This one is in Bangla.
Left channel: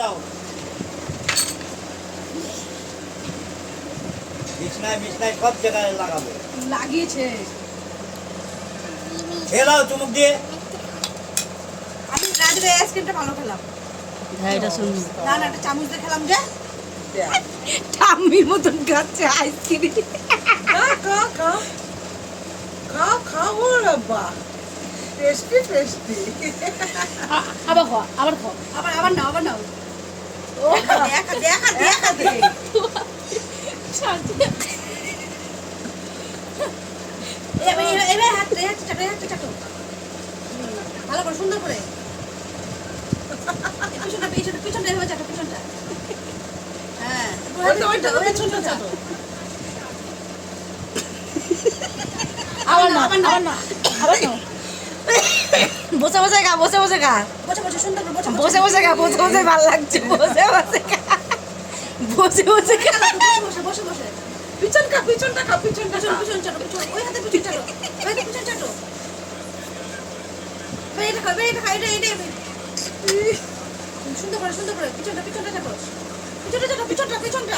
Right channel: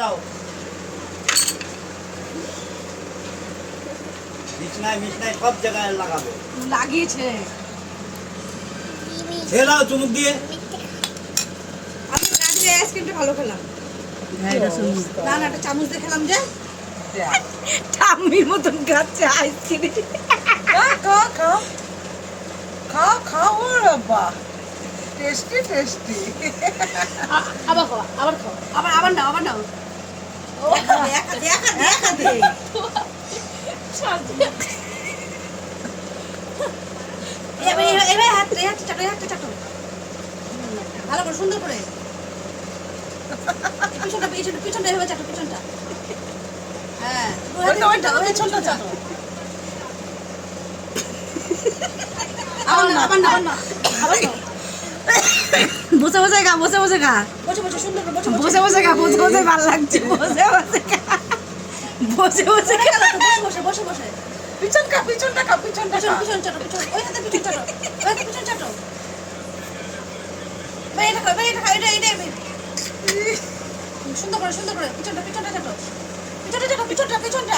দাও। বিছনায় বিছনায় সব জায়গায় লাগাবো। লাগিয়েছে। খেয়ে দাও চুমুক দিয়ে। আমি রাজরে আইসক্রিমটা ভালো খেলাম। না না একটা চামচ দিয়ে খেলাম যে। ঠাম্মির মতন খাচ্ছে আইসক্রিম খা খা খা। খা খা ও বাবা টেস্টি টেস্টি আবার খাও আবার খাও। আবার আবার নাও আবার নাও। ভালো করে সুন্দর করে পিছনটা পিছনটা পিছনটা এভাবে চাটো পিছনটা হ্যাঁ আবার না আবার না। আবার না। বসে বসে খা বসে বসে খা বসে বসে সুন্দর বসে বসে। খা বসে বসে ভালো লাগছে বসে বসে খা বসে বসে খা বসে বসে পিছন কা পিছনটা কা পিছনটা পিছন কা পিছন চাটো পিছন। ওই হাতে পিছন চাটো ওই হাতে পিছন চাটো। ভাই এটা খাও ভাই এটা এটা এটা। এটা। সুন্দর করে সুন্দর করে পিছনটা পিছনটা চাটো। পিছনটা চাটো পিছনটা পিছনটা।